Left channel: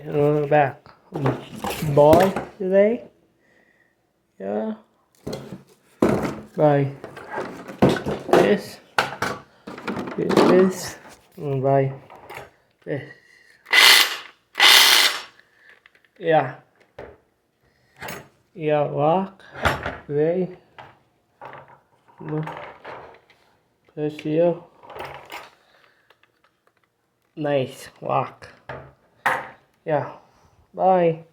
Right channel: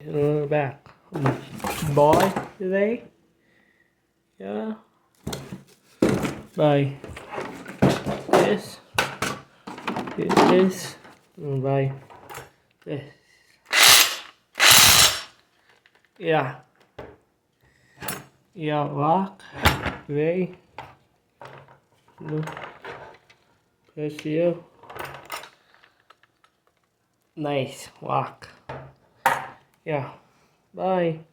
Back. Boy today. Yeah. Bye. This. This. Bye. This. Yeah. Yeah. Walk. Way. Push you. Nice. Walk. Yeah. Bye.